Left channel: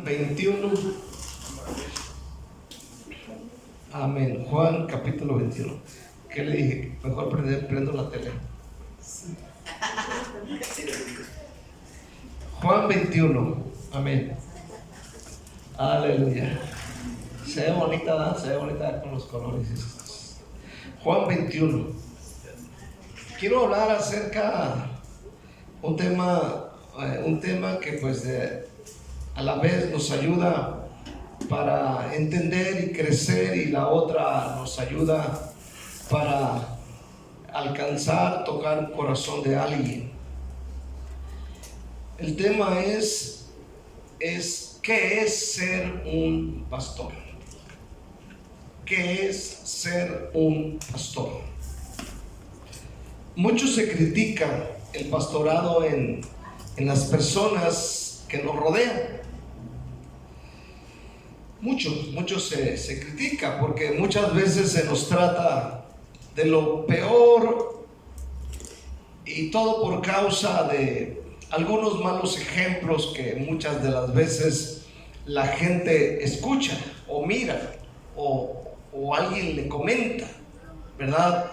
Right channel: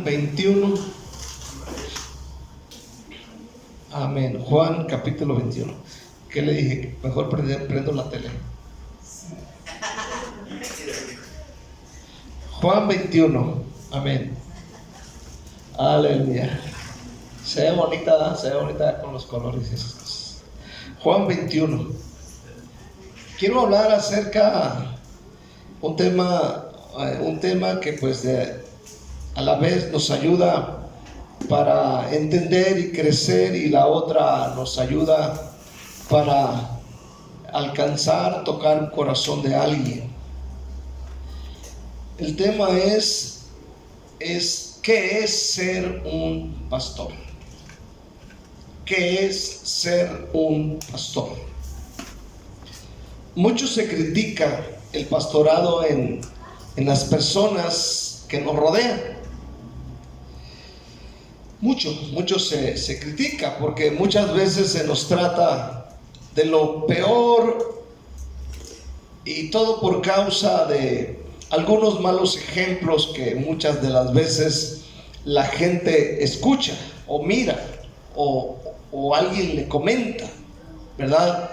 Juan 21. Amén. Juan capítulo 21. ¿Qué le dije? Mejor prendo la tele. Juan 21. Amén. Aleluya. Se ve bonita con los colores estos. Juan 21. Quiero hablar acerca un tema que pues a la vez nos ayuda para entender y crecer, y la otra nos ayuda para alcanzar, tocar un corazón de alguien. El tema es ¿qué es ser un pastor? ¿Qué es ser un pastor? Mucho se critica el pastorado en las personas que nos rodean. Mucho se critica, porque muchas veces se nos trata de lo peor, y todo por causa de algunos malos ejemplos que muchas de las veces la gente escucha o mira o alguien le comenta, ¿verdad?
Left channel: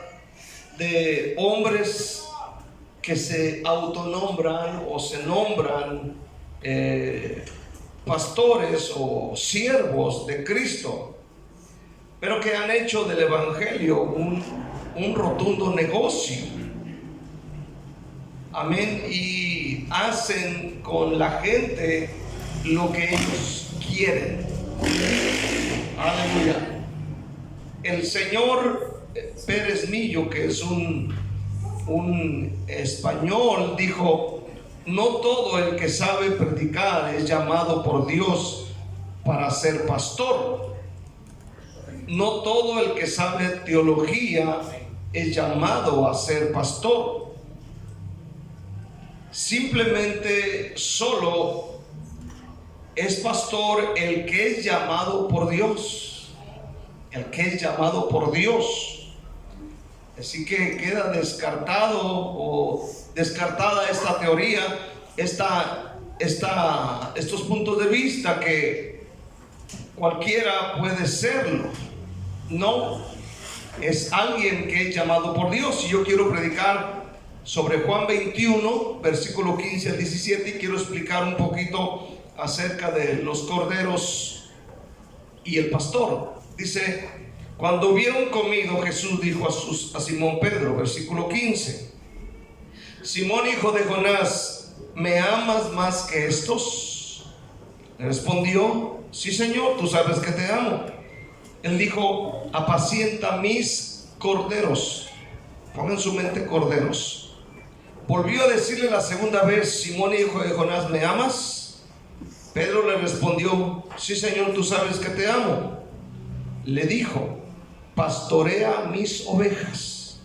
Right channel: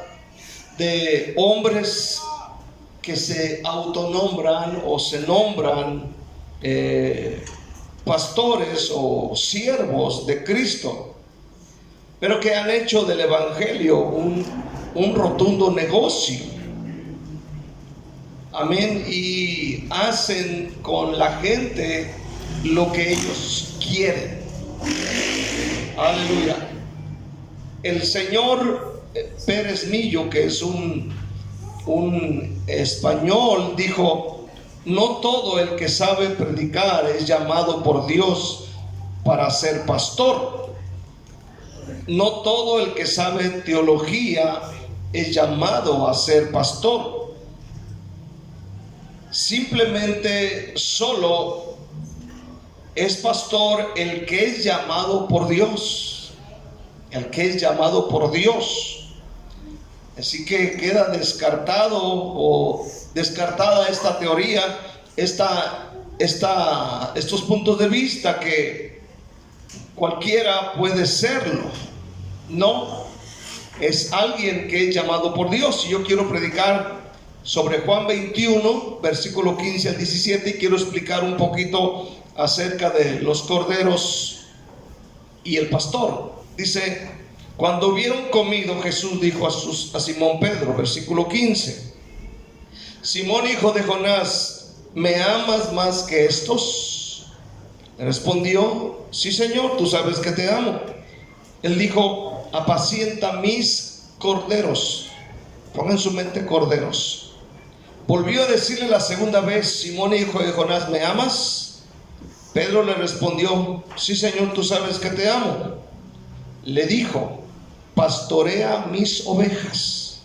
De hombres que se autonombran o se nombran pastores o siervos de Cristo, pero que han hecho del evangelio un rotundo negocio. Amén. Y hacen con la gente lo que ellos quieren. Aleluya. El señor Pérez Millo, que es un español, dijo: no todo el que sabe predicar es llamado por Dios para ser pastor. No todo el que sabe teología es llamado a ser pastor. Simplemente solo es pastor el que es llamado por Dios. El que es llamado por Dios. Así que queda descartado o descartada esta teoría, estos puntos de vista que cualquiera puede serlo. No, es alguien que es llamado por Dios. Y yo quiero predicar sobre Juan 21, versículo 15 al 17, y quiero explicar un poquito acerca de los corderos y el pastor. Dice: cuando hubieron comido, Jesús dijo a Simón Pedro, versículo 15: Simón, hijo de Jonás, ¿me amas más que estos? Le respondió: sí, Señor, tú sabes que te amo. Él dijo: apacienta mis corderos. Pongan en su mente corderos. Volvió a decirle la segunda vez: Simón, hijo de Jonás, ¿me amas? Pedro le respondió: sí, Señor, tú sabes que te amo. Le dijo: pastorea mis ovejas.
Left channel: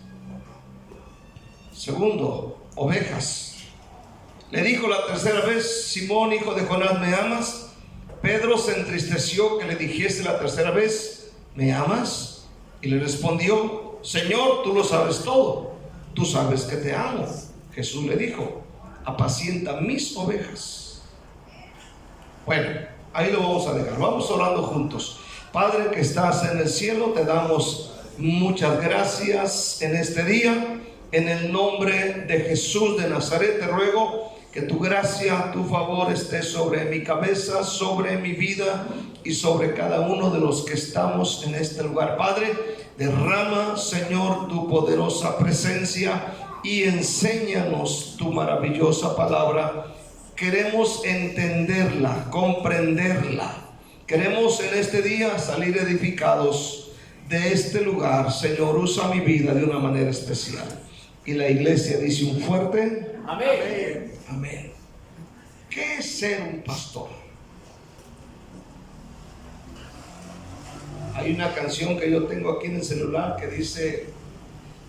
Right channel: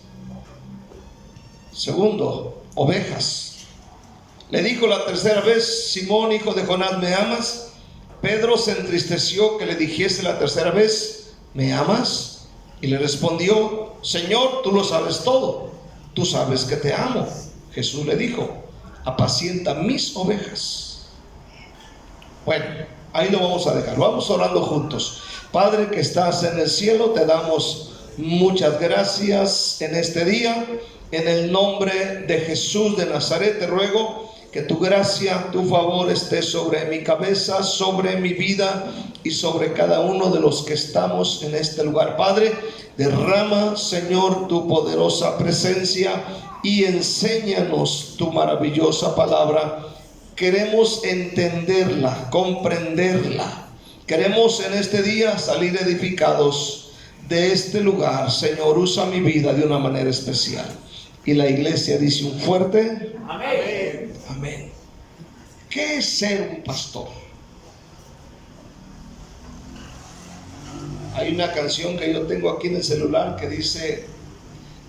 Segundo, ovejas. Le dijo la tercera vez: Simón, hijo de Jonás, ¿me amas? Pedro se entristeció que le dijese la tercera vez: ¿me amas? Y le respondió: Señor, tú lo sabes todo, tú sabes que te amo. Jesús le dijo: apacienta mis ovejas. Bueno, ahí lo vamos a dejar. Vamos orando juntos. Padre que estás en el cielo, te damos muchas gracias en este día. En el nombre de Jesús de Nazaret te ruego que tu gracia, tu favor esté sobre mi cabeza, sobre mi vida y sobre cada uno de los que estamos en este lugar. Padre, derrama, Señor, tu poderosa presencia y enséñanos tu maravillosa palabra. Queremos entenderla, comprenderla. Queremos en este día salir edificados de este lugar. Señor, usa mi vida de una manera especial. Y la iglesia dice un fuerte amén. Amén. ¿Qué es ser un pastor? Hay una canción que yo tengo aquí en el celular que dice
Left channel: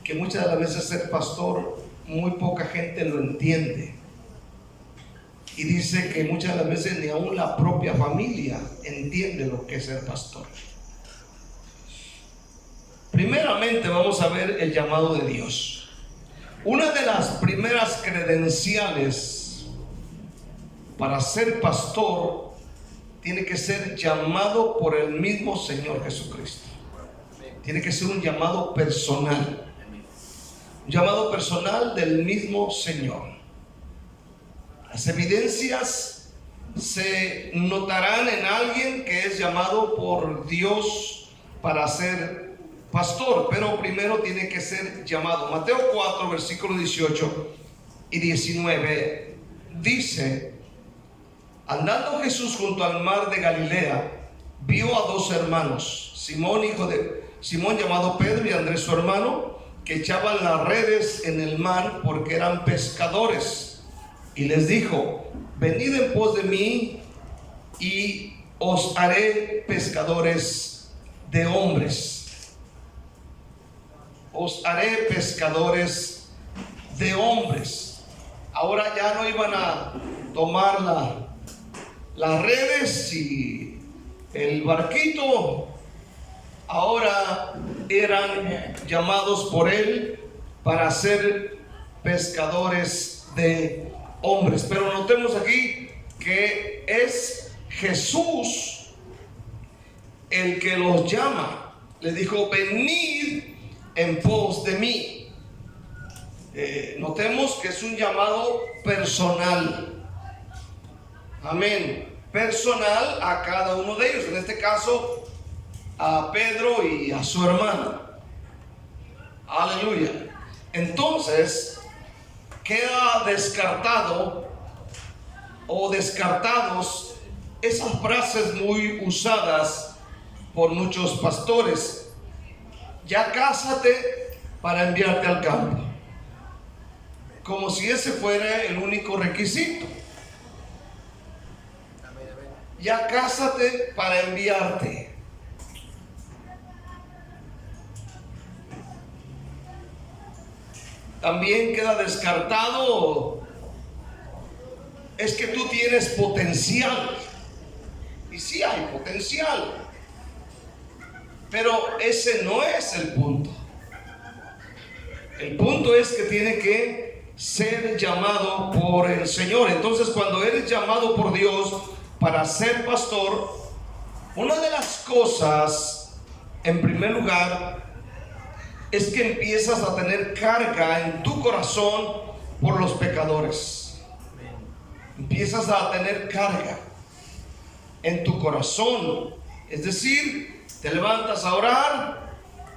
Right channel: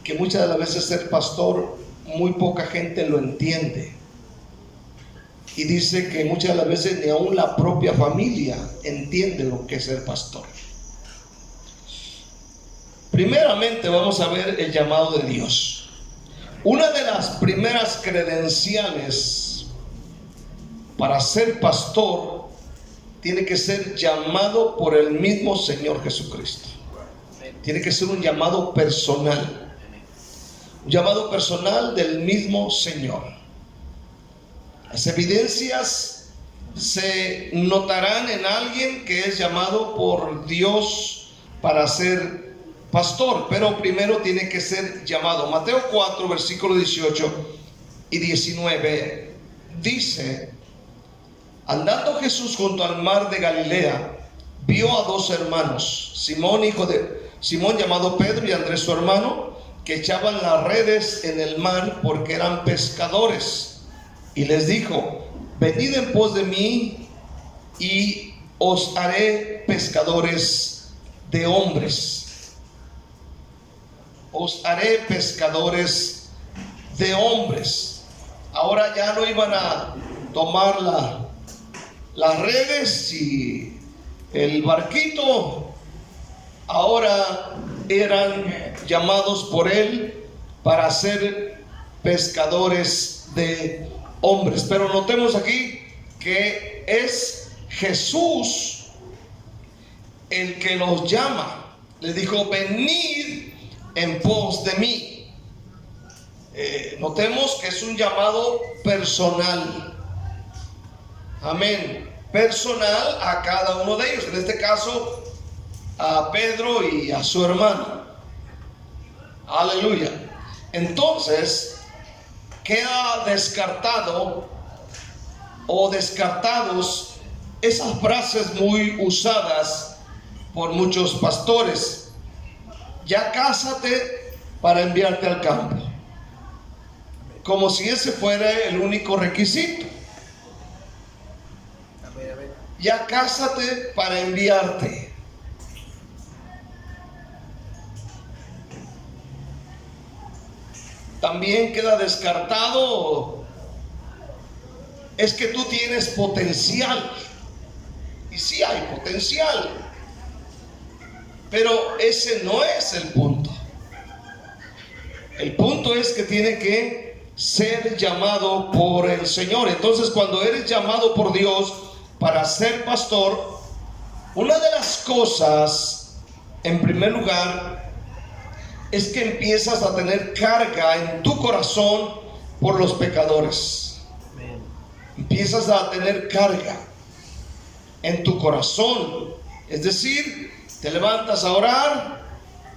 que muchas de las veces ser pastor, muy poca gente lo entiende. Y dice que muchas de las veces ni aún la propia familia entiende lo que es ser pastor. Primeramente vamos a ver el llamado de Dios. Una de las primeras credenciales para ser pastor tiene que ser llamado por el mismo Señor Jesucristo. Tiene que ser un llamado personal. Un llamado personal del mismo Señor. Las evidencias se notarán en alguien que es llamado por Dios para ser pastor, pero primero tiene que ser llamado. Mateo 4, versículos 18 y 19 dice: andando Jesús junto al mar de Galilea, vio a dos hermanos, Simón llamado Pedro y Andrés su hermano, que echaban las redes en el mar porque eran pescadores. Y les dijo: venid en pos de mí y os haré pescadores de hombres. Os haré pescadores de hombres. Ahora ya no iban a tomar las redes y el barquito. Ahora eran llamados por él para ser pescadores de hombres. Pero notemos aquí que es Jesús el que los llama. Les dijo: venid en pos de mí. Notemos que es un llamado personal. Amén. Personal a cada uno de ellos. En este caso, a Pedro y a su hermano. Aleluya. Entonces queda descartado o descartados esas frases muy usadas por muchos pastores: ya cásate para enviarte al campo, como si ese fuera el único requisito. Ya cásate para enviarte. También queda descartado: es que tú tienes potencial. Y sí hay potencial, pero ese no es el punto. El punto es que tiene que ser llamado por el Señor. Entonces, cuando eres llamado por Dios para ser pastor, una de las cosas, en primer lugar, es que empiezas a tener carga en tu corazón por los pecadores. Empiezas a tener carga en tu corazón. Es decir, te levantas a orar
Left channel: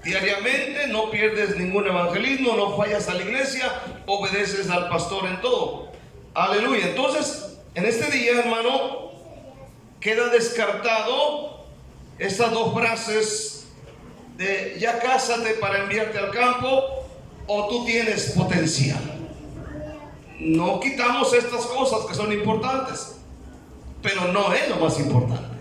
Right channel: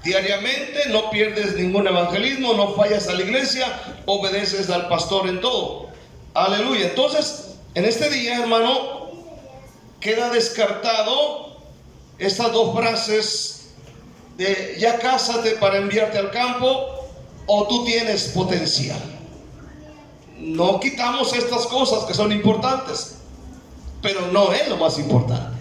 diariamente, no pierdes ningún evangelismo, no fallas a la iglesia, obedeces al pastor en todo. Aleluya. Entonces, en este día, hermano, queda descartado estas dos frases de ya cásate para enviarte al campo o tú tienes potencial. No quitamos estas cosas que son importantes, pero no es lo más importante.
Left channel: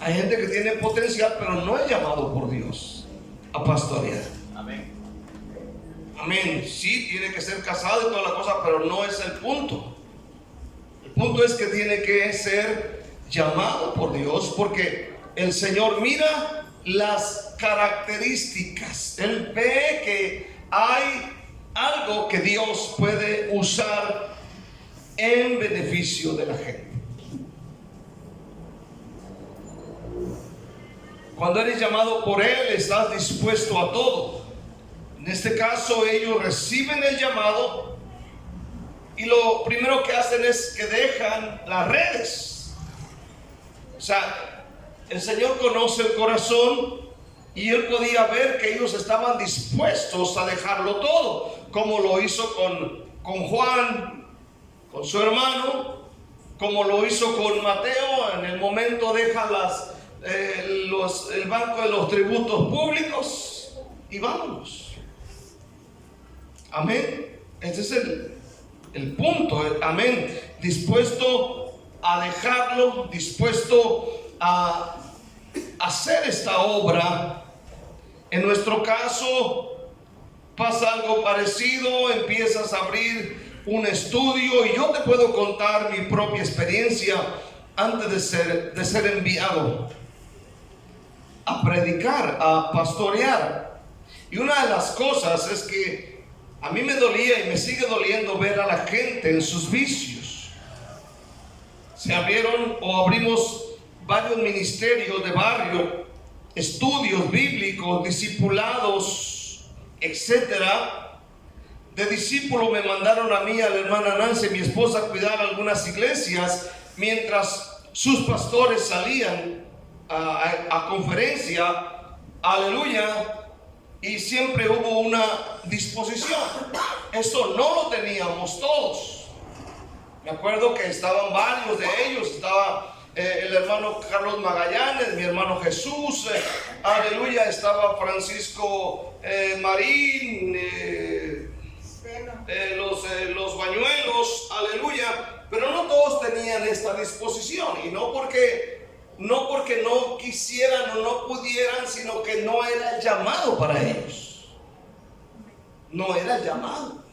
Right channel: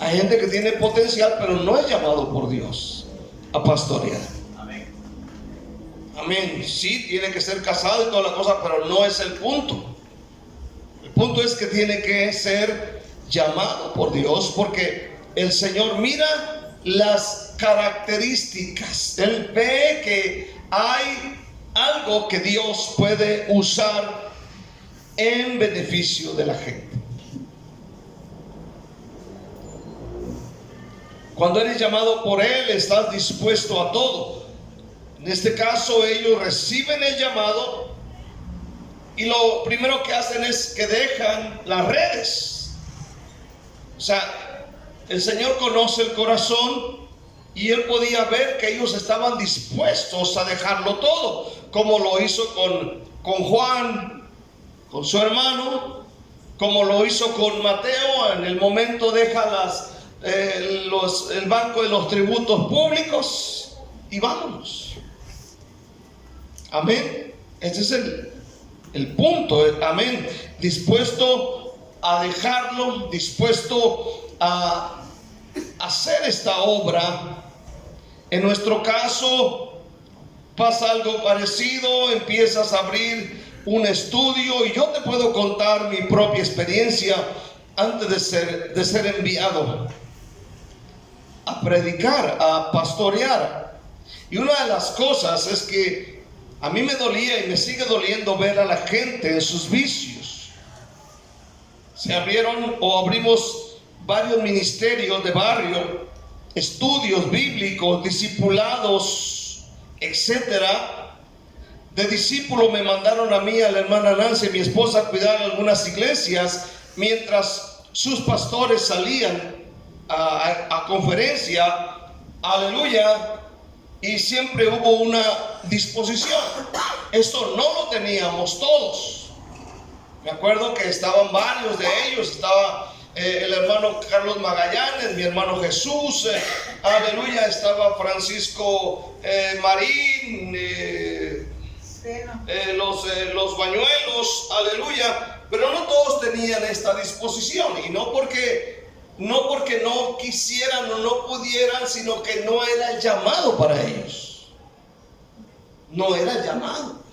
Hay gente que tiene potencial, pero no es llamado por Dios a pastorear. Amén. Amén. Sí, tiene que ser casado y toda la cosa, pero no es el punto. El punto es que tiene que ser llamado por Dios, porque el Señor mira las características. Él ve que hay algo que Dios puede usar en beneficio de la gente. Cuando eres llamado por Él, estás dispuesto a todo. En este caso, ellos reciben el llamado y lo primero que hacen es que dejan las redes. O sea, el Señor conoce el corazón y Él podía ver que ellos estaban dispuestos a dejarlo todo, como lo hizo con Juan, con su hermano, como lo hizo con Mateo. En el momento deja el banco de los tributos públicos y vámonos. Amén. Ese es el punto. Amén. Dispuesto a dejarlo, dispuesto a hacer esta obra. En nuestro caso pasa algo parecido. Empiezas a abrir un estudio y yo te puedo contar mi propia experiencia antes de ser enviado a predicar, a pastorear. Y una de las cosas es que a mí me dolía y me sigue doliendo ver a la gente en sus vicios. Se abrieron o abrimos varios ministerios de barrio, estudios bíblicos, discipulados, etcétera. De discípulo me mandaron a mí, a la hermana Nancy, mi esposa, a cuidar algunas iglesias mientras sus pastores salían a conferencia. Aleluya. Y siempre hubo una disposición. Eso no lo teníamos todos. Me acuerdo que estaban varios de ellos. Estaba el hermano Carlos Magallanes, mi hermano Jesús, aleluya. Estaba Francisco Marín, los Bañuelos, aleluya. Pero no todos tenían esta disposición. Y no porque no quisieran o no pudieran, sino que no era el llamado para ellos. No era el llamado.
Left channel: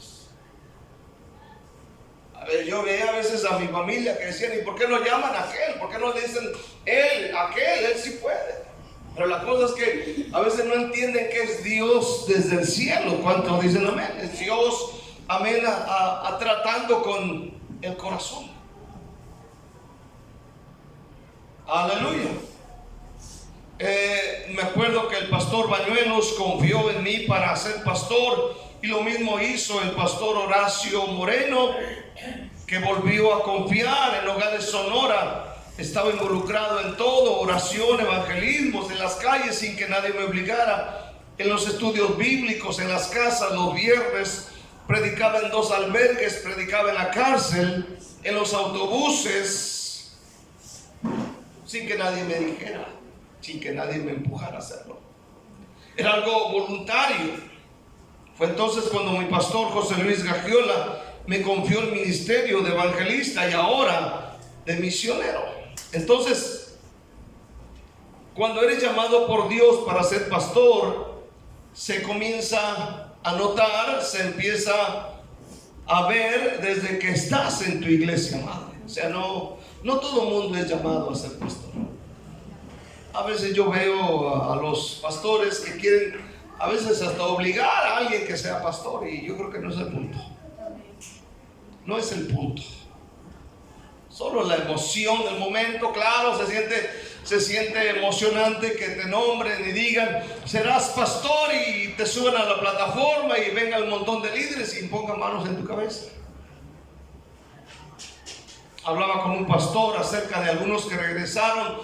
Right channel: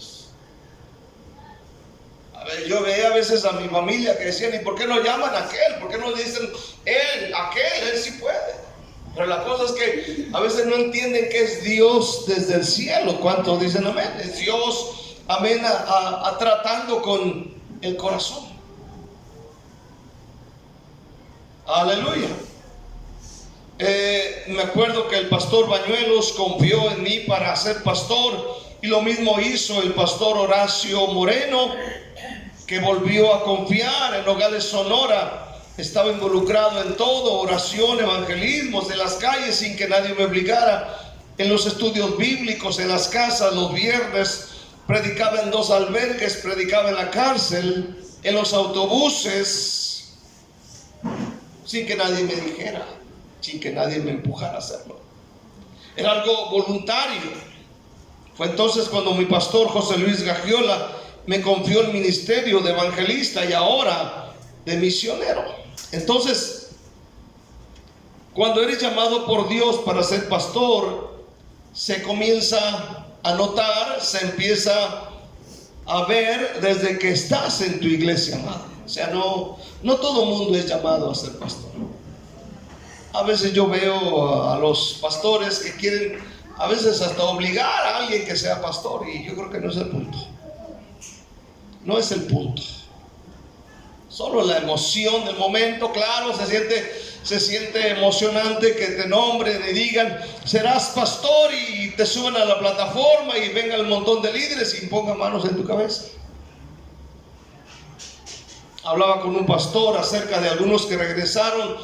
A ver, yo veía a veces a mi familia que decían: ¿y por qué no llaman a aquel? ¿Por qué no le dicen él sí puede? Pero la cosa es que a veces no entienden que es Dios desde el cielo. ¿Cuántos dicen amén? Es Dios, amén, tratando con el corazón. Aleluya. Me acuerdo que el pastor Bañuelos confió en mí para ser pastor, y lo mismo hizo el pastor Horacio Moreno, que volvió a confiar en Nogales, Sonora. Estaba involucrado en todo: oración, evangelismos en las calles sin que nadie me obligara, en los estudios bíblicos, en las casas los viernes, predicaba en 2 albergues, predicaba en la cárcel, en los autobuses, sin que nadie me dijera, sin que nadie me empujara a hacerlo. Era algo voluntario. Fue entonces cuando mi pastor José Luis Gagiola me confió el ministerio de evangelista y ahora de misionero. Entonces, cuando eres llamado por Dios para ser pastor, se comienza a notar, se empieza a ver desde que estás en tu iglesia madre. O sea, no todo mundo es llamado a ser pastor. A veces yo veo a los pastores que quieren a veces hasta obligar a alguien que sea pastor, y yo creo que no es el punto. No es el punto. Solo la emoción del momento. Claro, se siente emocionante que te nombren y digan: serás pastor, y te suben a la plataforma y venga un montón de líderes y pongan manos en tu cabeza. Hablaba con un pastor acerca de algunos que regresaron,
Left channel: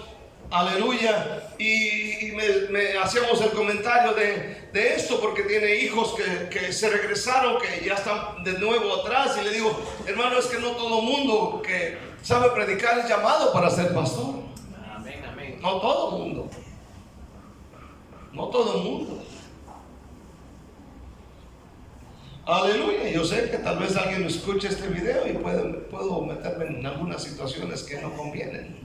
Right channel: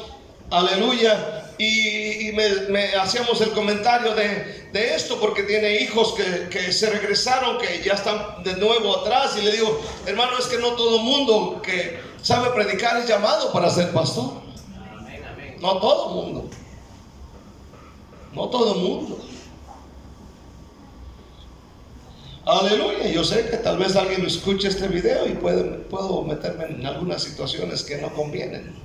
aleluya, y me hacíamos el comentario de esto, porque tiene hijos que se regresaron, que ya están de nuevo atrás, y le digo: hermano, es que no todo mundo que sabe predicar es llamado para ser pastor. Amén, amén. No todo mundo. No todo mundo. Aleluya. Yo sé que tal vez alguien escuche este video y puedo meterme en algunas situaciones que no convienen.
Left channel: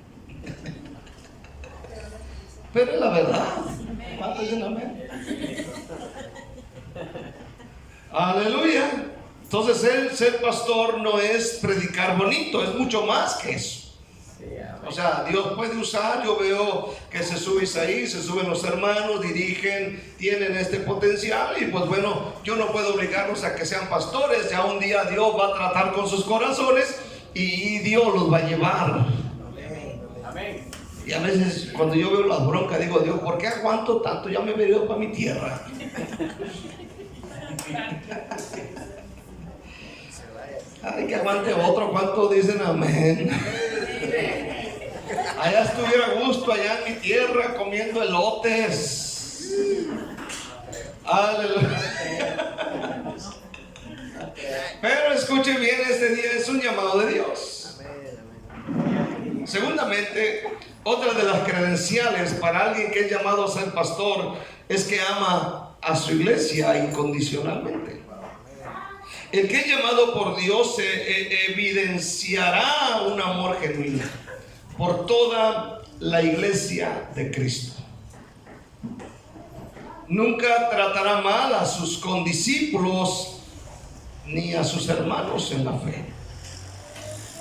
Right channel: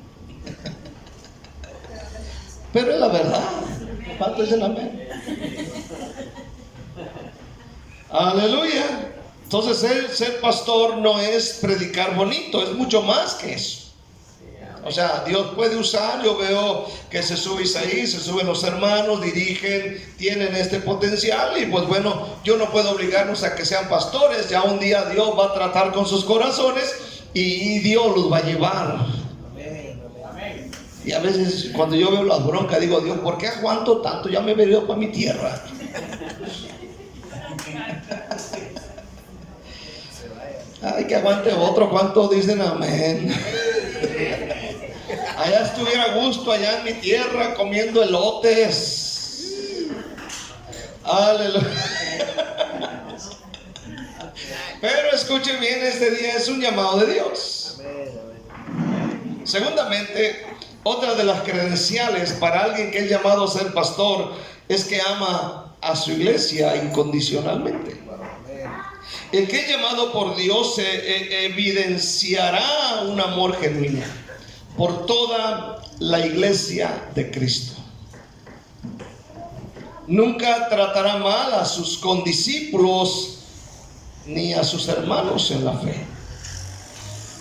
Pero es la verdad. ¿Cuántos dicen amén? Aleluya. Entonces, ser pastor no es predicar bonito, es mucho más que eso. O sea, Dios puede usar. Yo veo que se sube Isaí, se suben los hermanos, dirigen, tienen este potencial, y pues bueno, yo no puedo obligarlos a que sean pastores. Ya un día Dios va a tratar con sus corazones y Dios los va a llevar. Y a veces cuando yo veo las broncas digo: Dios, ¿por qué aguanto tanto? Ya me he venido para mi tierra. Ay, que aguante otro. ¿Cuántos dicen amén? Allá estuviera a gusto, allá en mi tierra, comiendo elotes. Aleluya. Pero escuche bien, este día es un llamado de Dios. Segundamente, otra de las credenciales para alguien que es llamado a ser pastor es que ama a su iglesia incondicionalmente. El que es llamado por Dios evidenciará un amor genuino por toda la iglesia de Cristo. Nunca tratará mal a sus condiscípulos ni a sus hermanos en la fe.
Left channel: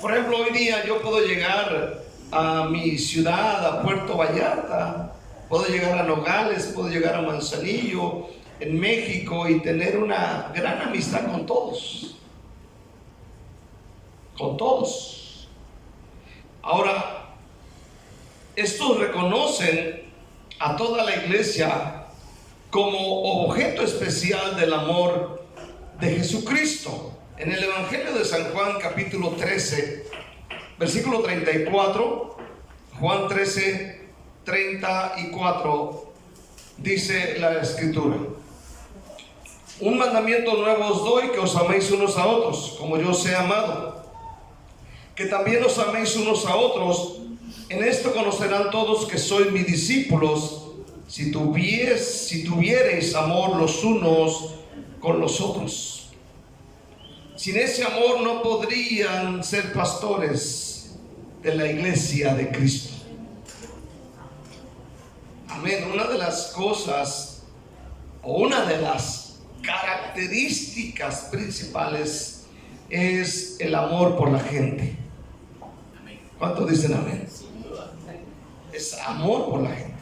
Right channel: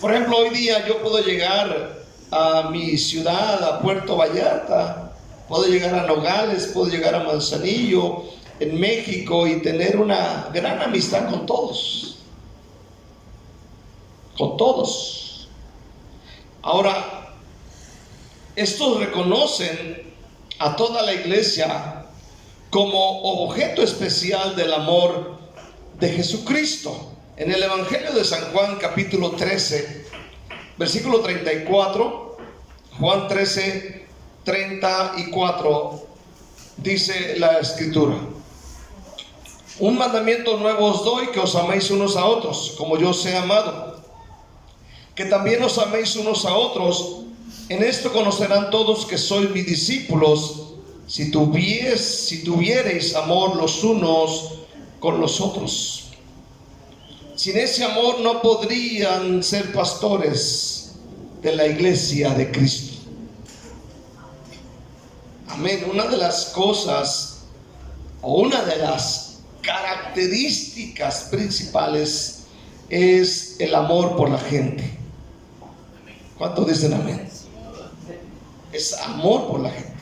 Por ejemplo, hoy día yo puedo llegar a mi ciudad, a Puerto Vallarta, puedo llegar a Nogales, puedo llegar a Manzanillo, en México, y tener una gran amistad con todos. Con todos. Ahora, estos reconocen a toda la iglesia como objeto especial del amor de Jesucristo. En el Evangelio de San Juan, capítulo 13, versículo 34, Juan 13, 34, dice la Escritura: un mandamiento nuevo os doy, que os améis unos a otros, como yo os he amado, que también os améis unos a otros. En esto conocerán todos que sois mis discípulos, si tuviereis amor los unos con los otros. Sin ese amor no podrían ser pastores de la iglesia de Cristo. Amén. Una de las cosas, o una de las características principales, es el amor por la gente. ¿Cuántos dicen amén? Es amor por la gente.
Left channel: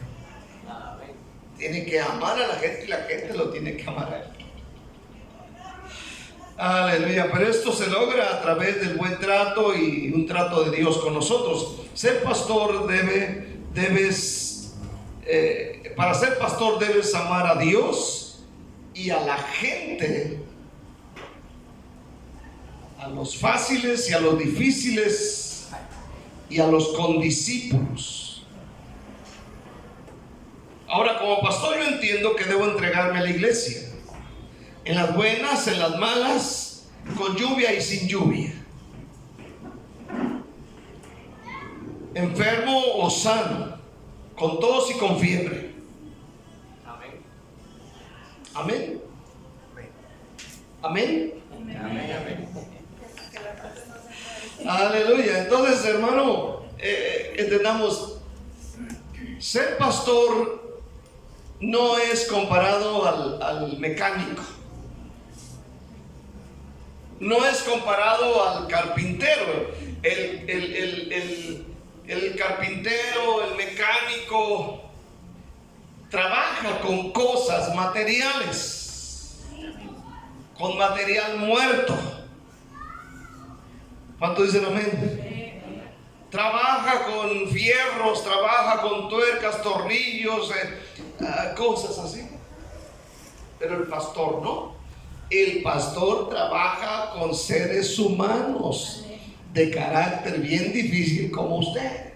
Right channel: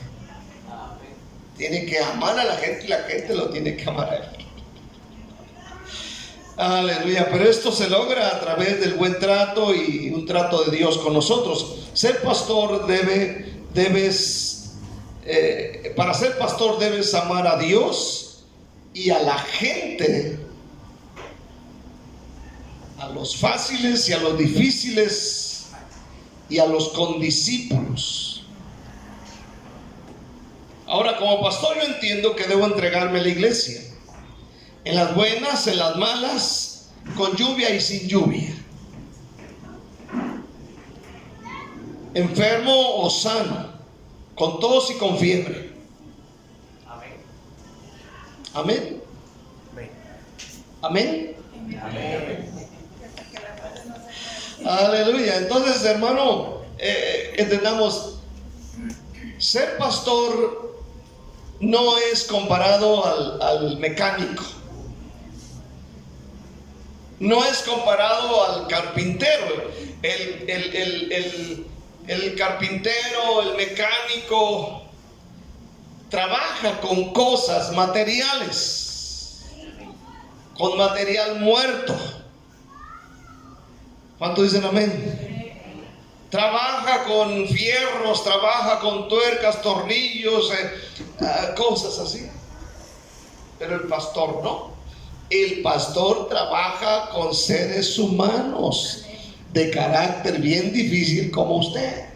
Tiene que amar a la gente y la gente lo tiene que amar a él. Aleluya. Pero esto se logra a través del buen trato y un trato de Dios con nosotros. Ser pastor para ser pastor debes amar a Dios y a la gente, a los fáciles y a los difíciles y a los condiscípulos. Ahora, como pastor, yo entiendo que debo entregarme a la iglesia, en las buenas, en las malas, con lluvia y sin lluvia, enfermo o sano, con tos y con fiebre. Amén. Amén. Amén. Aleluya. Entonces, hermano, entendamos, ser pastor no es comparado al mecánico, no es comparado al carpintero. El carpintero, el mecánico, trabaja con cosas materiales, con material muerto. ¿Cuántos dicen amén? Trabaja con fierros, trabaja con tuercas, tornillos, cosas así. Pero el pastor no. El pastor trabaja con seres humanos de carácter bien difícil como usted.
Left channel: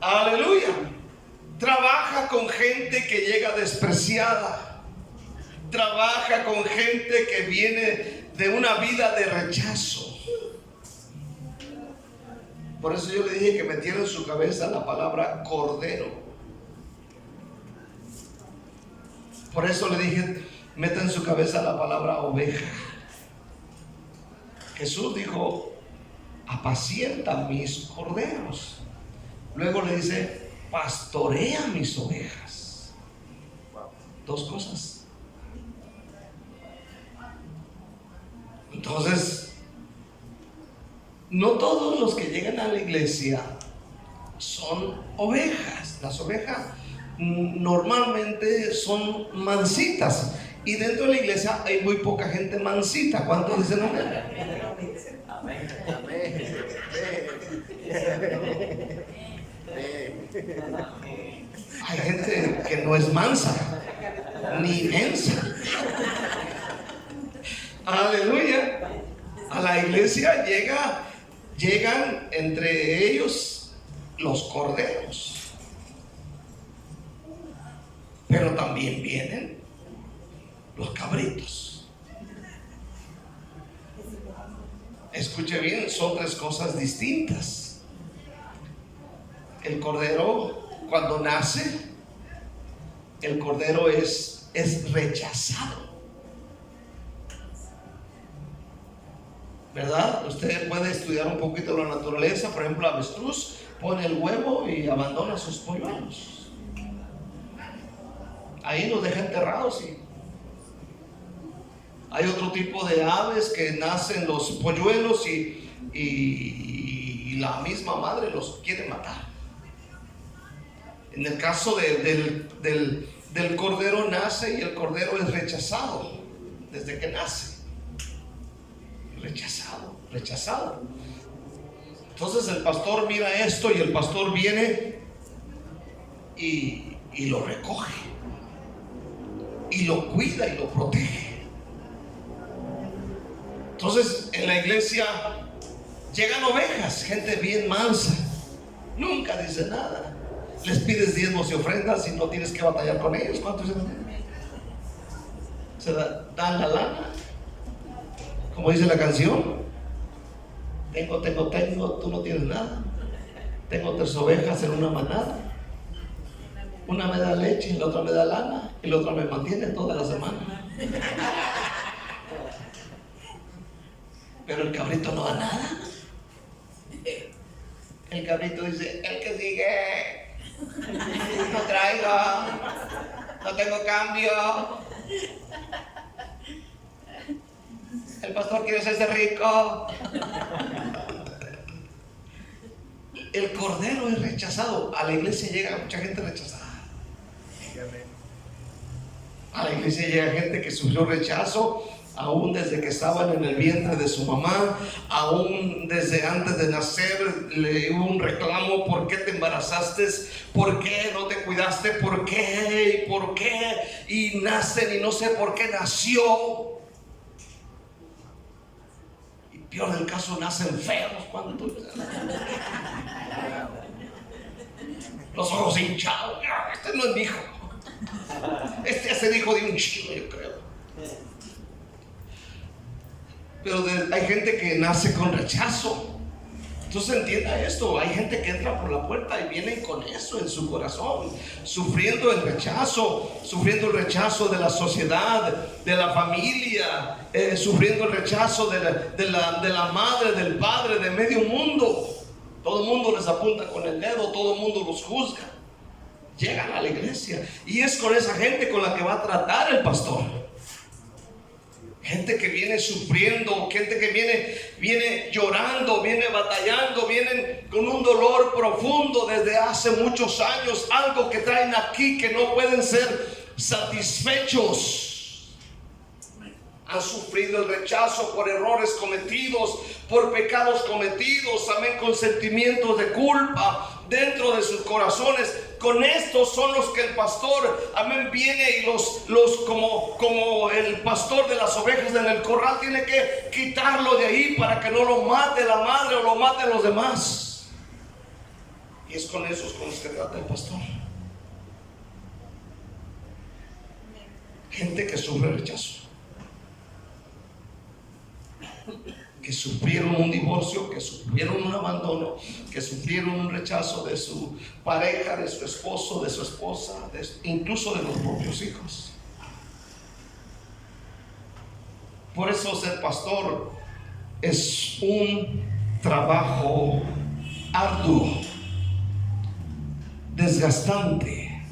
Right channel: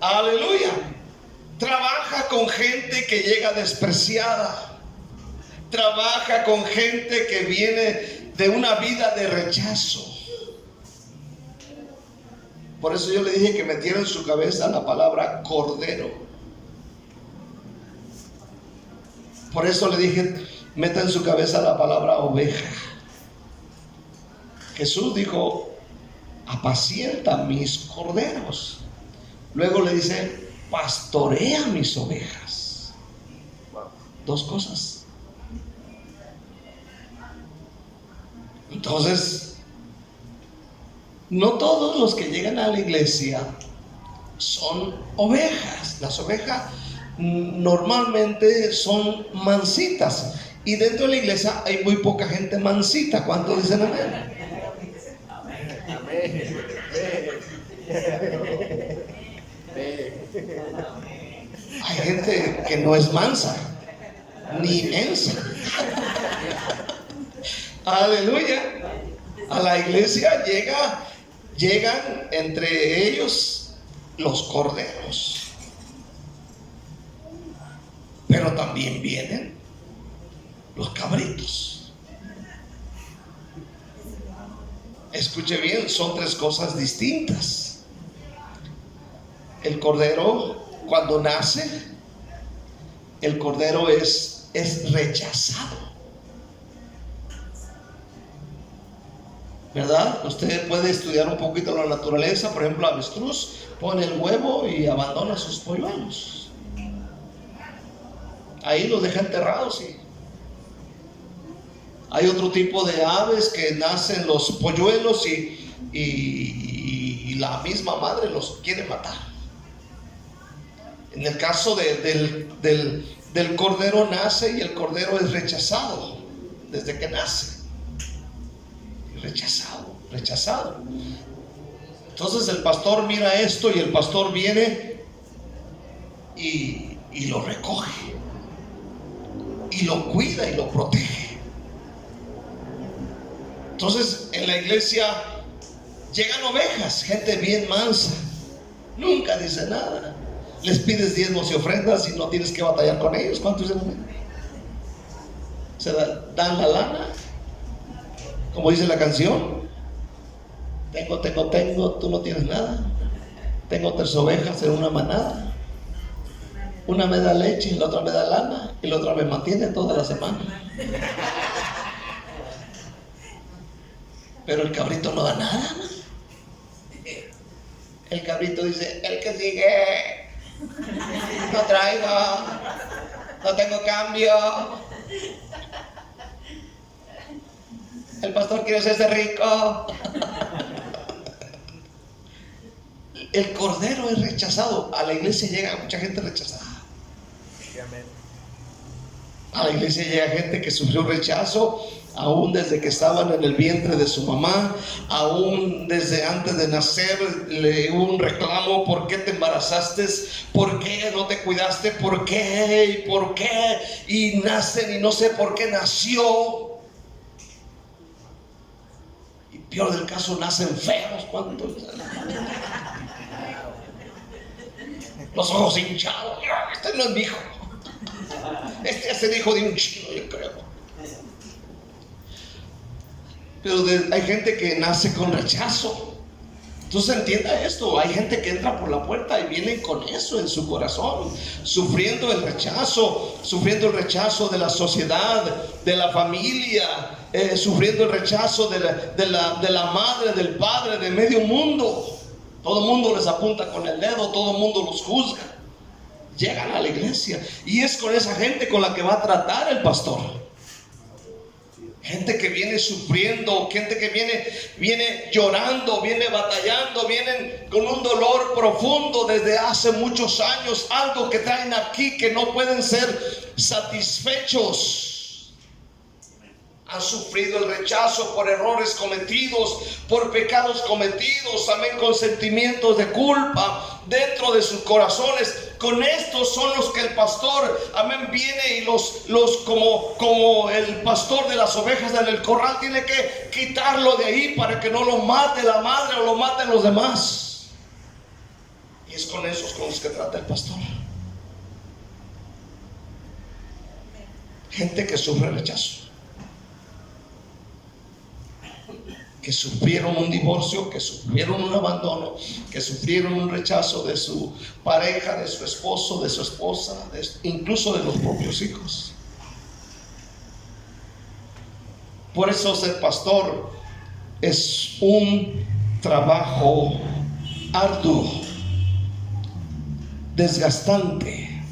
Aleluya. Trabaja con gente que llega despreciada. Trabaja con gente que viene de una vida de rechazo. Por eso yo le dije que metiera en su cabeza la palabra cordero. Por eso le dije, meta en su cabeza la palabra oveja. Jesús dijo, apacienta mis corderos. Luego le dice, pastorea mis ovejas. Dos cosas. Entonces, no todos los que llegan a la iglesia son ovejas. Las ovejas normalmente son mansitas, y dentro de la iglesia hay muy poca gente mansita. ¿Cuántos dicen amén? Hay gente que no es mansa ni mensa. Aleluya. A la iglesia llegan entre ellos los corderos, pero también vienen los cabritos. Escuche bien, son tres cosas distintas. El cordero, cuando nace, el cordero es rechazado, ¿verdad? Usted puede estudiar un poquito la naturaleza. Por ejemplo, el avestruz pone el huevo y abandona sus polluelos. Ahí los deja enterrados. Y hay otro tipo de aves que nacen los polluelos y la misma madre los quiere matar. En el caso del cordero, nace y el cordero es rechazado desde que nace. rechazado, rechazado. Entonces el pastor mira esto y el pastor viene y lo recoge y lo cuida y lo protege. Entonces en la iglesia llegan ovejas, gente bien mansa, nunca dice nada. Les pides diezmos y ofrendas y no tienes que batallar con ellos. ¿Cuántos se dan la lana? Como dice la canción, tengo, tú no tienes nada. Tengo 3 ovejas en una manada. Una me da leche y la otra me da lana y la otra me mantiene toda la semana. Pero el cabrito no da nada. El cabrito dice, el que sigue, no traigo, no tengo cambio. El pastor quiere hacerse rico. El cordero es rechazado. A la iglesia llega mucha gente rechazada. A la iglesia llega gente que sufrió rechazo aún desde que estaban en el vientre de su mamá, aún desde antes de nacer le hubo un reclamo: ¿por qué te embarazaste? ¿Por qué no te cuidaste? ¿Por qué? ¿Y por qué? Y nacen y no sé por qué nació. Y peor del caso, nacen feos. ¿Cuánto? Los ojos hinchados. Este no es mi hijo. Este es el hijo de un chino, yo creo. Pero hay gente que nace con rechazo. Entonces entienda esto: hay gente que entra por la puerta y vienen con eso en su corazón, sufriendo el rechazo de la sociedad, de la familia, sufriendo el rechazo de la madre, del padre, de medio mundo. Todo el mundo les apunta con el dedo, todo el mundo los juzga. Llegan a la iglesia y es con esa gente con la que va a tratar el pastor. Gente que viene sufriendo, gente que viene llorando, viene batallando, vienen con un dolor profundo desde hace muchos años, algo que traen aquí que no pueden ser satisfechos. Han sufrido el rechazo por errores cometidos, por pecados cometidos, amén, con sentimientos de culpa dentro de sus corazones. Con estos son los que el pastor, amén, viene y los como el pastor de las ovejas en el corral, tiene que quitarlo de ahí para que no lo mate la madre o lo maten los demás. Y es con esos con los que trata el pastor. Gente que sufre rechazo, que sufrieron un divorcio, que sufrieron un abandono, que sufrieron un rechazo de su pareja, de su esposo, de su esposa, incluso de los propios hijos. Por eso ser pastor es un trabajo arduo, desgastante.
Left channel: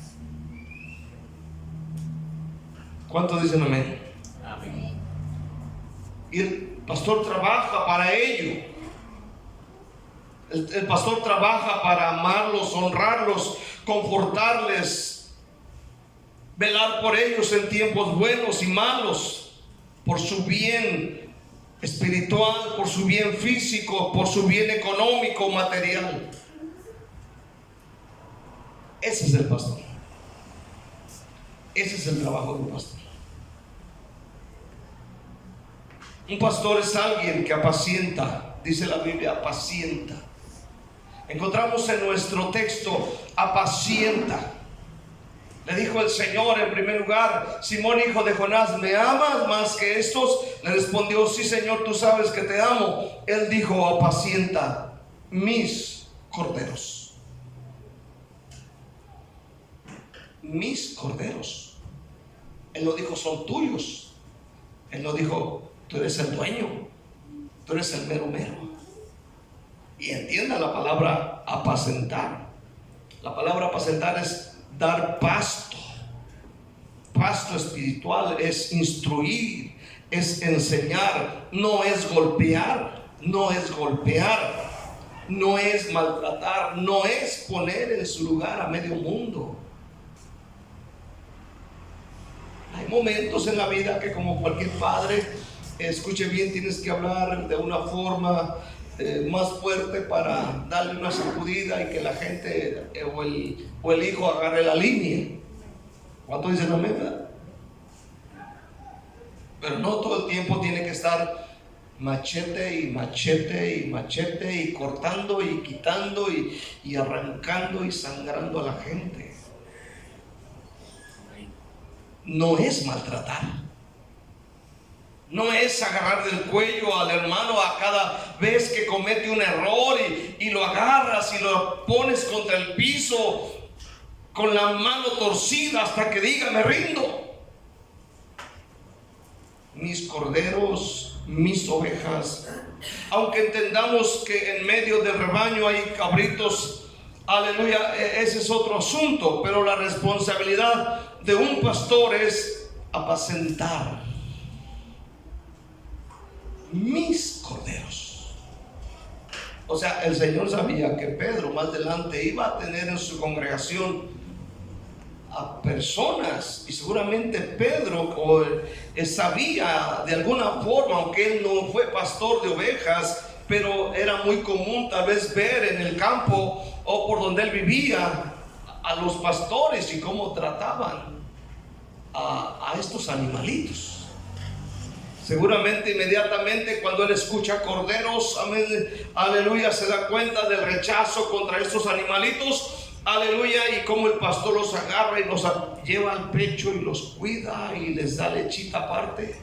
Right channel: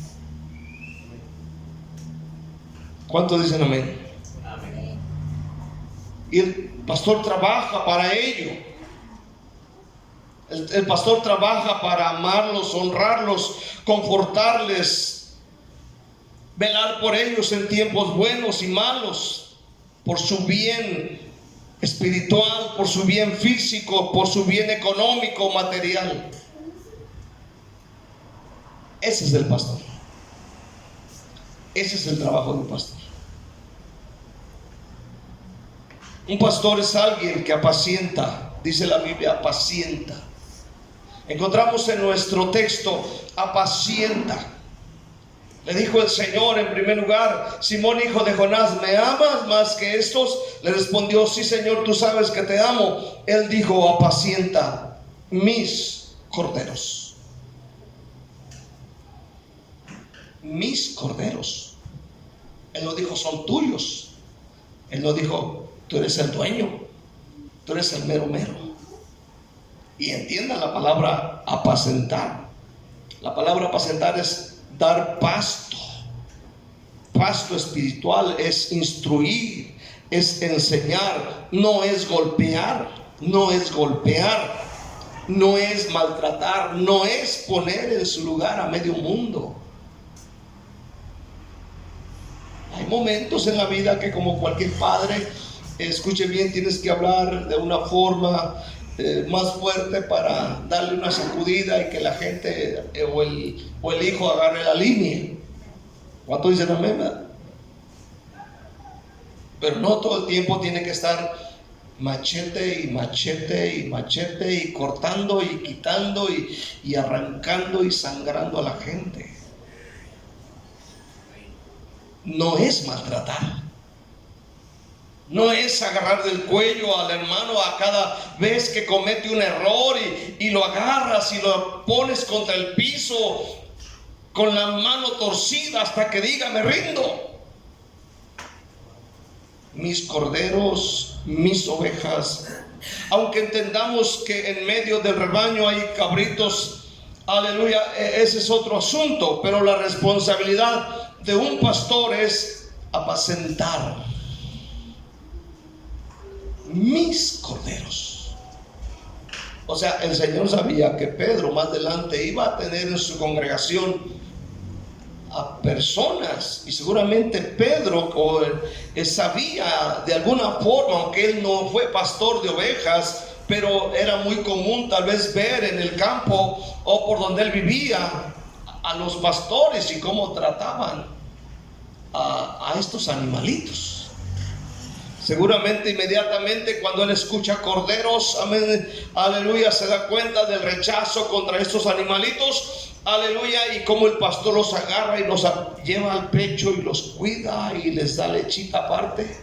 ¿Cuántos dicen amén? Amén. Y el pastor trabaja para ello. El pastor trabaja para amarlos, honrarlos, confortarles, velar por ellos en tiempos buenos y malos, por su bien espiritual, por su bien físico, por su bien económico, material. Ese es el pastor. Ese es el trabajo de un pastor. Un pastor es alguien que apacienta, dice la Biblia, apacienta. Encontramos en nuestro texto, apacienta. Le dijo el Señor en primer lugar: Simón, hijo de Jonás, ¿me amas más que estos? Le respondió: sí, Señor, tú sabes que te amo. Él dijo: apacienta mis corderos. Mis corderos. Él no dijo son tuyos. Él no dijo tú eres el dueño, tú eres el mero mero. Y entienda la palabra apacentar. La palabra apacentar es dar pasto. Pasto espiritual es instruir, es enseñar, no es golpear, no es golpear, no es maltratar, no es poner en su lugar a medio mundo. Hay momentos en la vida que, como cualquier padre, escuche bien, tienes que hablar de una forma más fuerte para darle una sacudida y que la gente o el hijo agarre la línea. ¿Cuántos dicen amén, verdad? Pero no todo el tiempo tiene que estar machete y machete y machete y cortando y quitando y arrancando y sangrando a la gente. No es maltratar. No es agarrar del cuello al hermano a cada vez que comete un error y lo agarras y lo pones contra el piso con la mano torcida hasta que diga me rindo. Mis corderos, mis ovejas, aunque entendamos que en medio del rebaño hay cabritos, aleluya, ese es otro asunto, pero la responsabilidad de un pastor es apacentar mis corderos. O sea, el Señor sabía que Pedro más adelante iba a tener en su congregación a personas, y seguramente Pedro sabía de alguna forma, aunque él no fue pastor de ovejas, pero era muy común tal vez ver en el campo o por donde él vivía a los pastores y cómo trataban a estos animalitos. Seguramente inmediatamente cuando él escucha corderos, amén, aleluya, se da cuenta del rechazo contra estos animalitos, aleluya, y cómo el pastor los agarra y los lleva al pecho y los cuida y les da lechita aparte.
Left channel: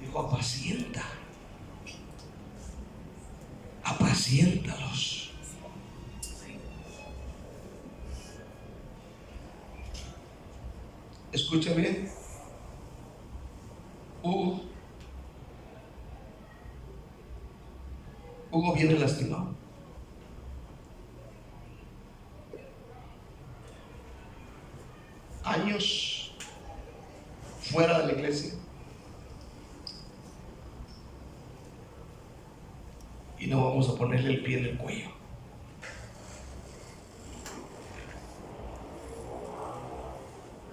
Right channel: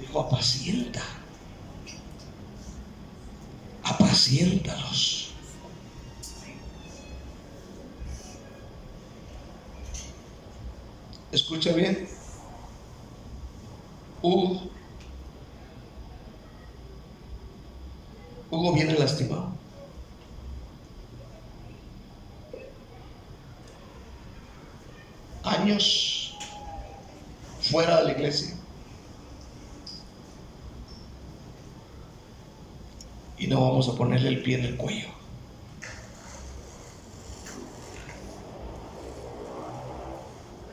Dijo, apaciéntalos. Escuche bien. Hugo viene lastimado. Años fuera de la iglesia. Y no vamos a ponerle el pie en el cuello.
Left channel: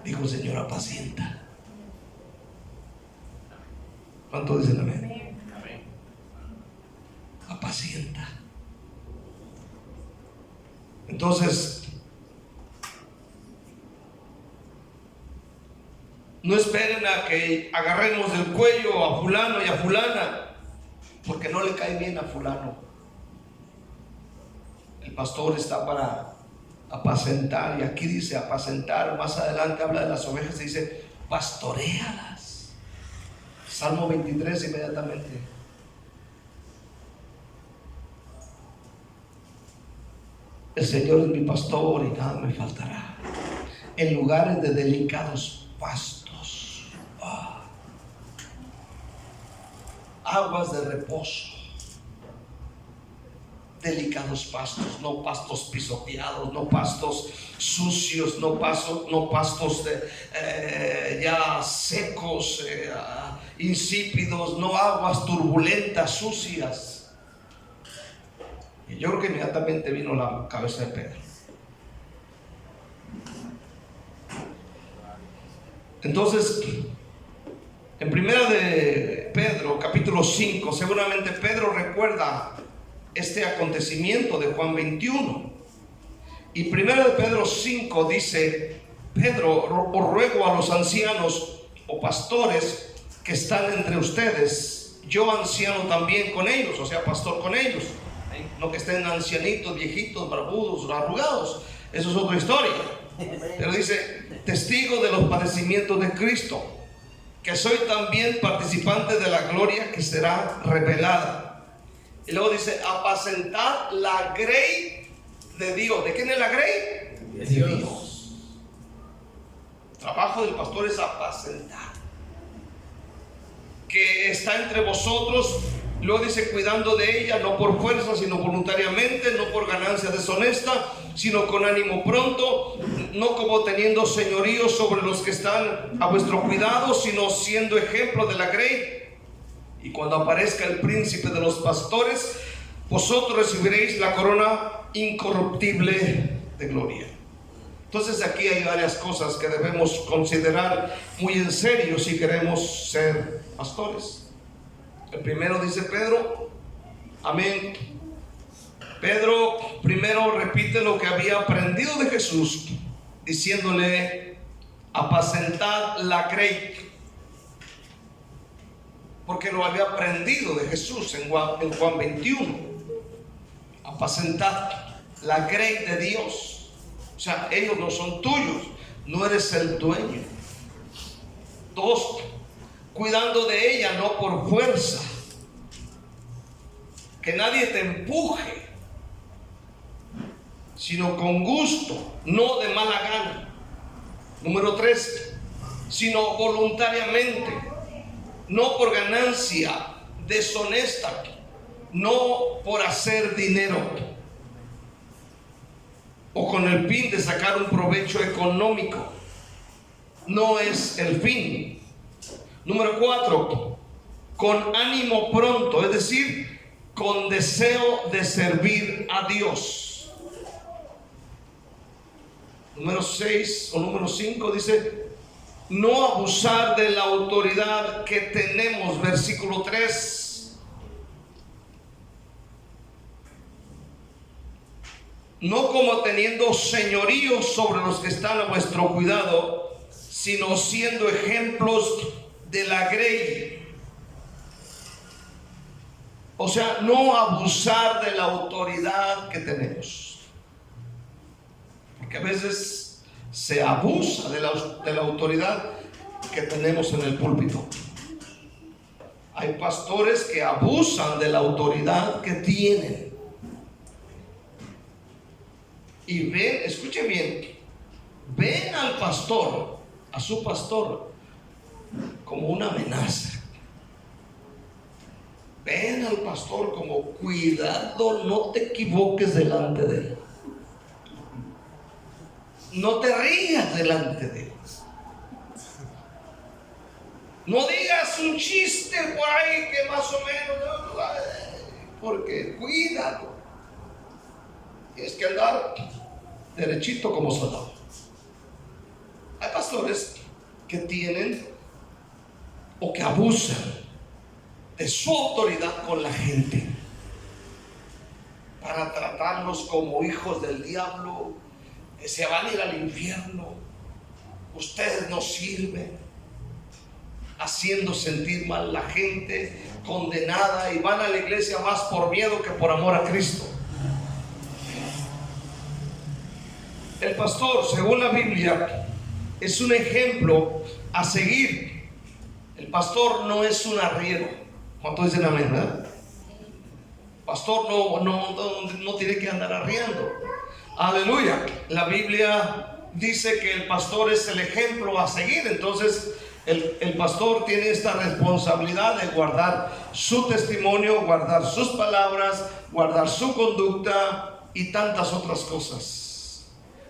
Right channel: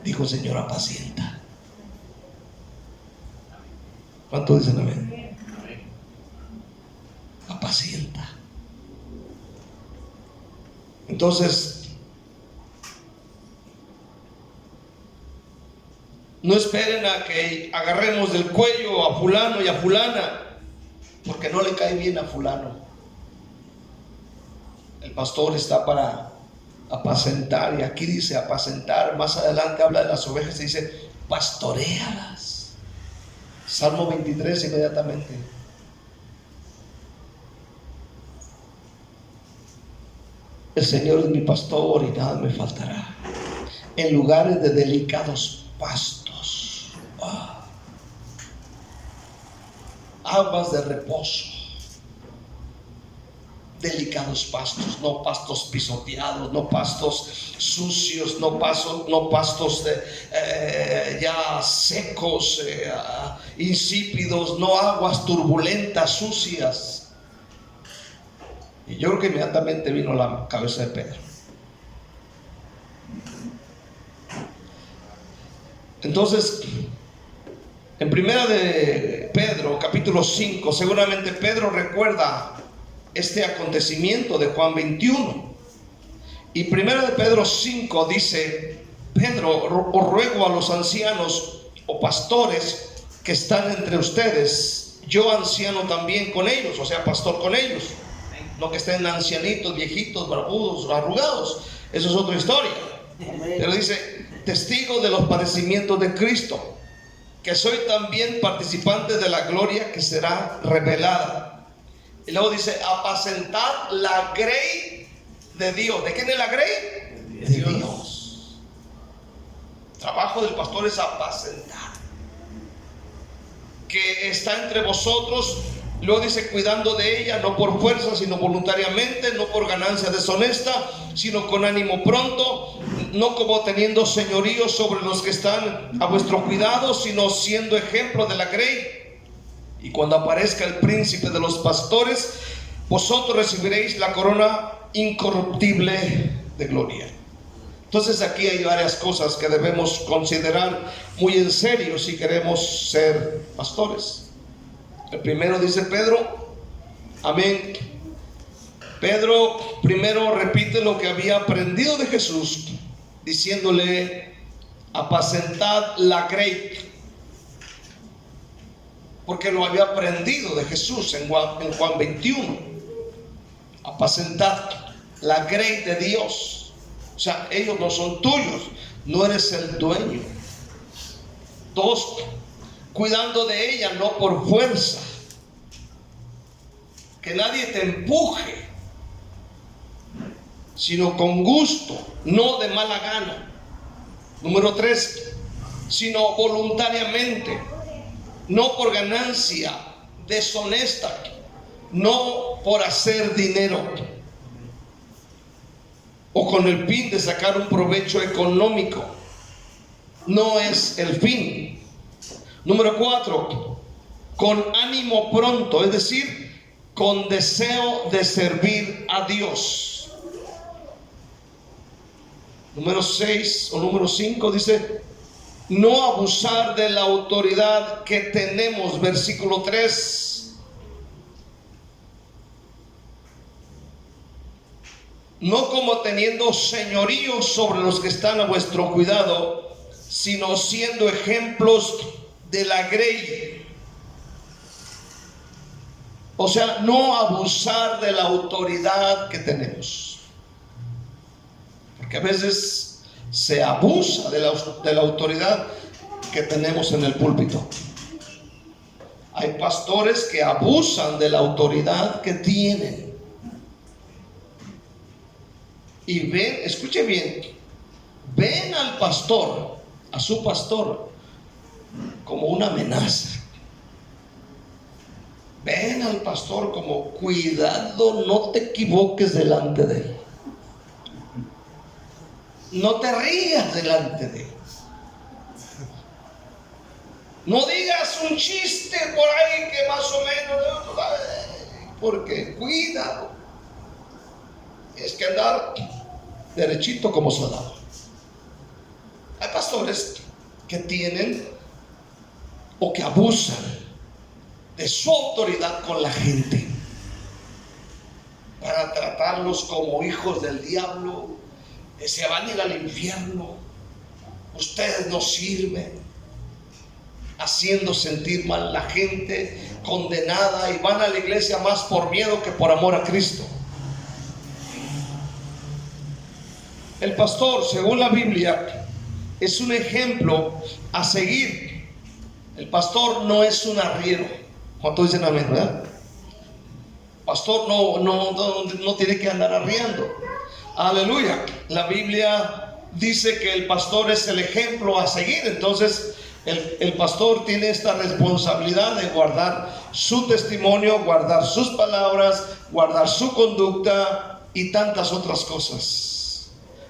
Dijo, Señor, apacienta. ¿Cuánto dicen amén? Apacienta. Entonces, no esperen a que agarremos del cuello a fulano y a fulana, porque no le cae bien a fulano. El pastor está para apacentar, y aquí dice apacentar. Más adelante habla de las ovejas y dice pastoréalas. Salmo 23 inmediatamente. El Señor es mi pastor y nada me faltará. En lugares de delicados pastos, aguas de reposo. Delicados pastos, no pastos pisoteados, no pastos sucios, no pastos ya secos, insípidos, no aguas turbulentas, sucias. Y yo creo que inmediatamente vino la cabeza de Pedro. Entonces, en primera de Pedro, capítulo 5, seguramente Pedro recuerda este acontecimiento de Juan 21. Y primera de Pedro 5 dice: Pedro, os ruego a los ancianos o pastores que están entre ustedes, yo anciano también con ellos, o sea, pastor con ellos, no que estén ancianitos, viejitos, barbudos, arrugados, eso es otra historia. Pero dice: testigo de los padecimientos de Cristo, que soy también participante de la gloria que será revelada. Y luego dice: apacentar la grey de Dios. ¿De quién es la grey? De Dios. El trabajo del pastor es apacentar, que está entre vosotros. Luego dice: cuidando de ella, no por fuerza, sino voluntariamente, no por ganancia deshonesta, sino con ánimo pronto, no como teniendo señorío sobre los que están a vuestro cuidado, sino siendo ejemplo de la grey. Y cuando aparezca el príncipe de los pastores, vosotros recibiréis la corona incorruptible de gloria. Entonces aquí hay varias cosas que debemos considerar muy en serio si queremos ser pastores. El primero dice Pedro, amén. Pedro primero repite lo que había aprendido de Jesús, diciéndole: apacentad la grey. Porque lo había aprendido de Jesús en Juan 21. Apacentad la grey de Dios. O sea, ellos no son tuyos, no eres el dueño. Dos, cuidando de ella, no por fuerza, que nadie te empuje, sino con gusto, no de mala gana. Número 3, sino voluntariamente, no por ganancia deshonesta, no por hacer dinero o con el fin de sacar un provecho económico. No es el fin. Número 4, con ánimo pronto, es decir, con deseo de servir a Dios. Número 6 o número 5 dice: no abusar de la autoridad que tenemos. Versículo 3. No como teniendo señorío sobre los que están a vuestro cuidado, sino siendo ejemplos de la grey. O sea, no abusar de la autoridad que tenemos. Porque a veces se abusa de la autoridad que tenemos en el púlpito. Hay pastores que abusan de la autoridad que tienen. Y ven, escuche bien, ven al pastor, a su pastor, como una amenaza. Ven al pastor como: cuidado, no te equivoques delante de él. No te rías delante de él. No digas un chiste por ahí que más o menos, porque cuidado. Es que andar derechito como soldado. Hay pastores que tienen o que abusan de su autoridad con la gente para tratarlos como hijos del diablo, que se van a ir al infierno, ustedes no sirven, haciendo sentir mal a la gente, condenada, y van a la iglesia más por miedo que por amor a Cristo. El pastor, según la Biblia, es un ejemplo a seguir. El pastor no es un arriero. ¿Cuántos dicen amén, verdad? Pastor no tiene que andar arriando. Aleluya. La Biblia dice que el pastor es el ejemplo a seguir. Entonces el pastor tiene esta responsabilidad de guardar su testimonio, guardar sus palabras, guardar su conducta y tantas otras cosas.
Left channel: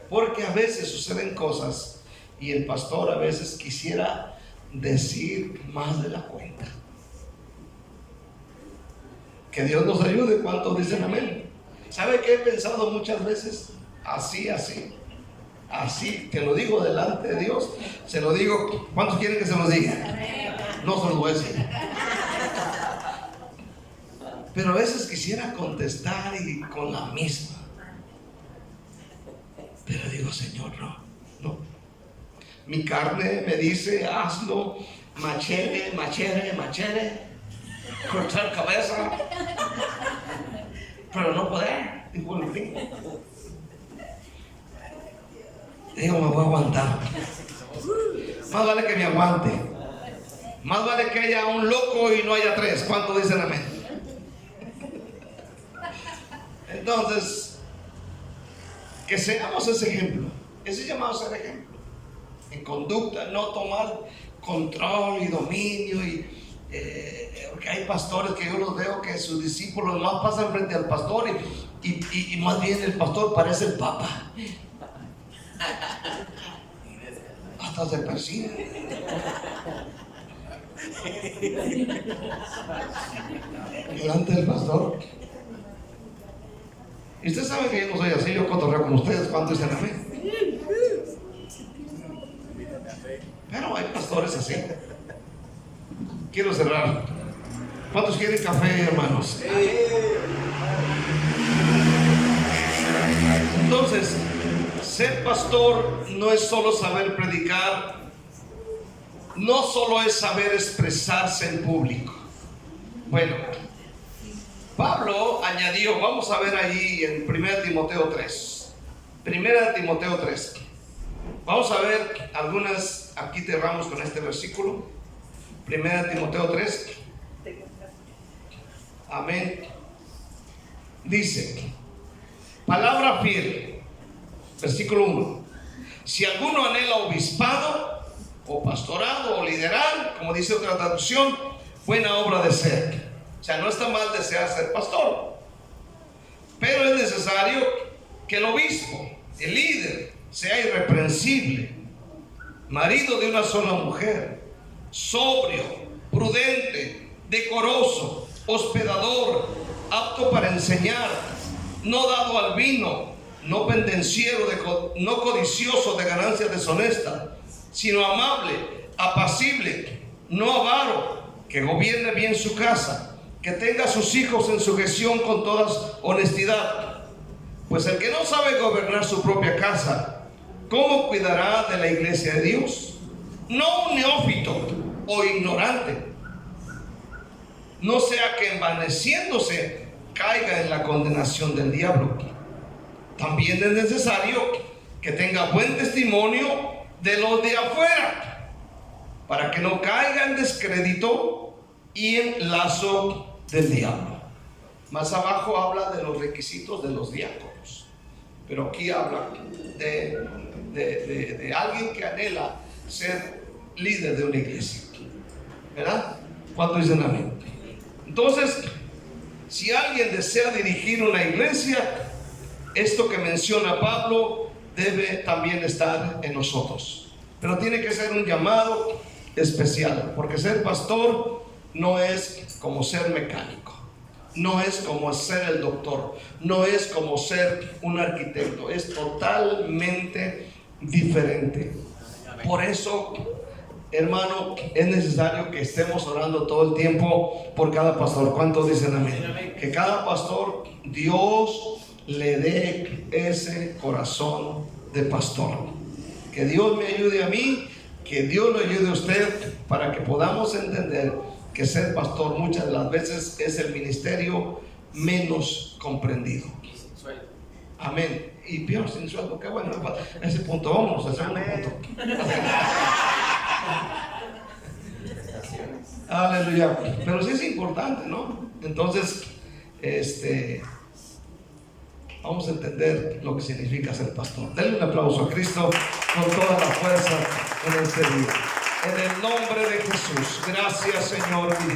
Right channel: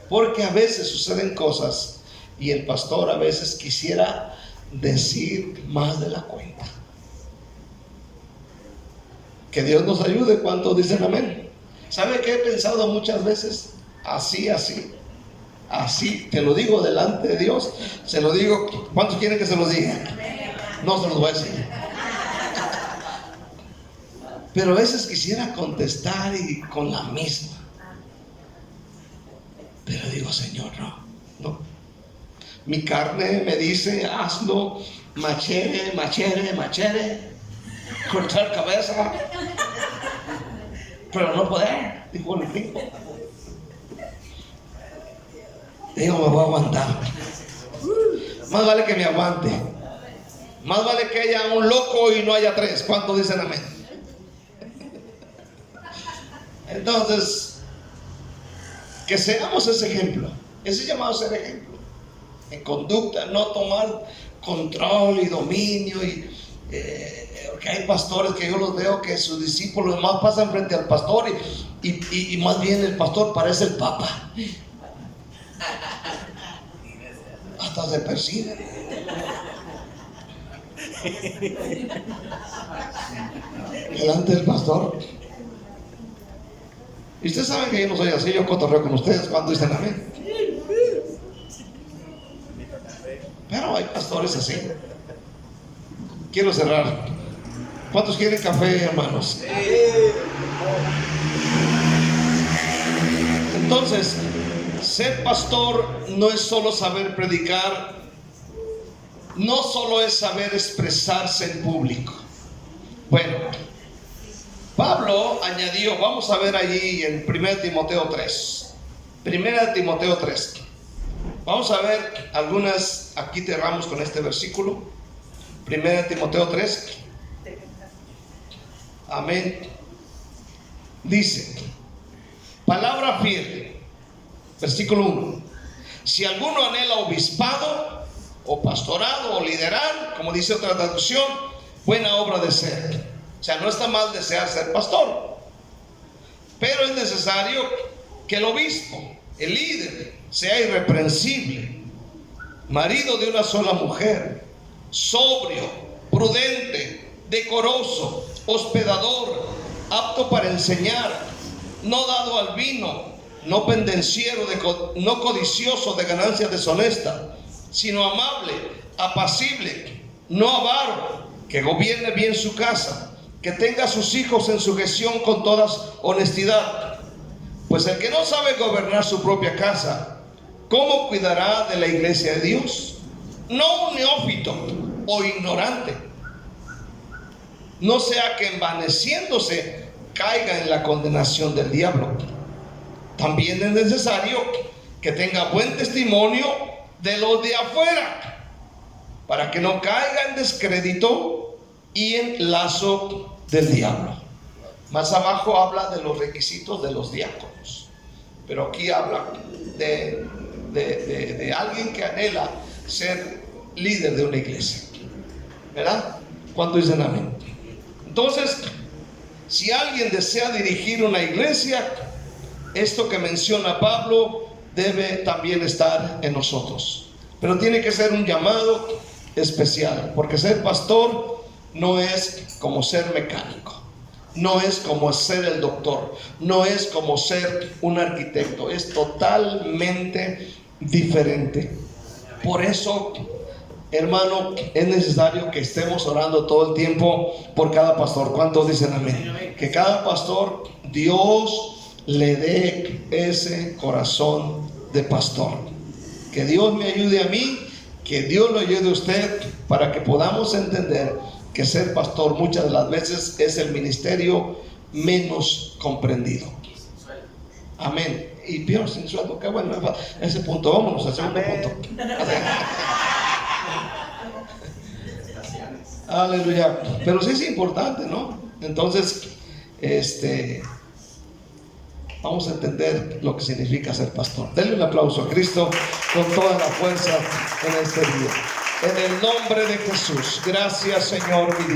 Porque a veces suceden cosas y el pastor a veces quisiera decir más de la cuenta. Que Dios nos ayude. ¿Cuántos dicen amén? ¿Sabe qué he pensado muchas veces? Así, te lo digo delante de Dios, se lo digo. ¿Cuántos quieren que se los diga? No se los voy a decir. Pero a veces quisiera contestar y con la misma. Pero digo: Señor, no. Mi carne me dice: hazlo, machere, cortar cabeza, pero no poder. Digo, me voy a aguantar. Más vale que me aguante. Más vale que haya un loco y no haya tres. ¿Cuántos dicen amén? Entonces, que seamos ese ejemplo. Ese llamado a ser ejemplo en conducta, no tomar control y dominio. Porque hay pastores que yo los veo que sus discípulos más pasan frente al pastor y más bien el pastor parece el papa. Hasta se persigue. Delante del pastor. Y ustedes saben que yo no soy así, yo cotorreo con ustedes. Cuando dicen amén. Pero hay pastores así. Quiero cerrar. ¿Cuántos quieren café, hermanos? Entonces, ser pastor no es solo saber predicar, no solo es saber expresarse en público. Bueno, Pablo añadió, vamos a ver allí en 1 Timoteo 3. 1 Timoteo 3. Vamos a ver algunas, aquí cerramos con este versículo. 1 Timoteo 3. Amén. Dice, palabra fiel, versículo 1. Si alguno anhela obispado, o pastorado, o liderar, como dice otra traducción, buena obra de ser. O sea, no está mal desear ser pastor, pero es necesario que el obispo, el líder, sea irreprensible, marido de una sola mujer, sobrio, prudente, decoroso, hospedador, apto para enseñar, no dado al vino, no pendenciero, no codicioso de ganancias deshonestas, sino amable, apacible, no avaro, que gobierne bien su casa, que tenga a sus hijos en sujeción con toda honestidad. Pues el que no sabe gobernar su propia casa, ¿cómo cuidará de la iglesia de Dios? No un neófito o ignorante, no sea que envaneciéndose caiga en la condenación del diablo. También es necesario que tenga buen testimonio de los de afuera, para que no caiga en descrédito y en lazo del diablo. Más abajo habla de los requisitos de los diáconos, pero aquí habla de alguien que anhela ser líder de una iglesia, ¿verdad? ¿Cuánto dicen amén? Entonces, si alguien desea dirigir una iglesia, esto que menciona Pablo debe también estar en nosotros, pero tiene que ser un llamado especial, porque ser pastor no es como ser mecánico, no es como ser el doctor, no es como ser un arquitecto, es totalmente diferente. Por eso, hermano, es necesario que estemos orando todo el tiempo por cada pastor. ¿Cuántos dicen amén? Que cada pastor, Dios le dé ese corazón de pastor. Que Dios me ayude a mí, que Dios lo ayude a usted, para que podamos entender que ser pastor muchas de las veces es el ministerio menos comprendido. Amén. Y peor sin sueldo, qué bueno, ese punto, vámonos al segundo punto. Aleluya. Pero sí es importante, ¿no? Entonces, vamos a entender lo que significa ser pastor. Denle un aplauso a Cristo con toda la fuerza en este día. En el nombre de Jesús. Gracias, Señor.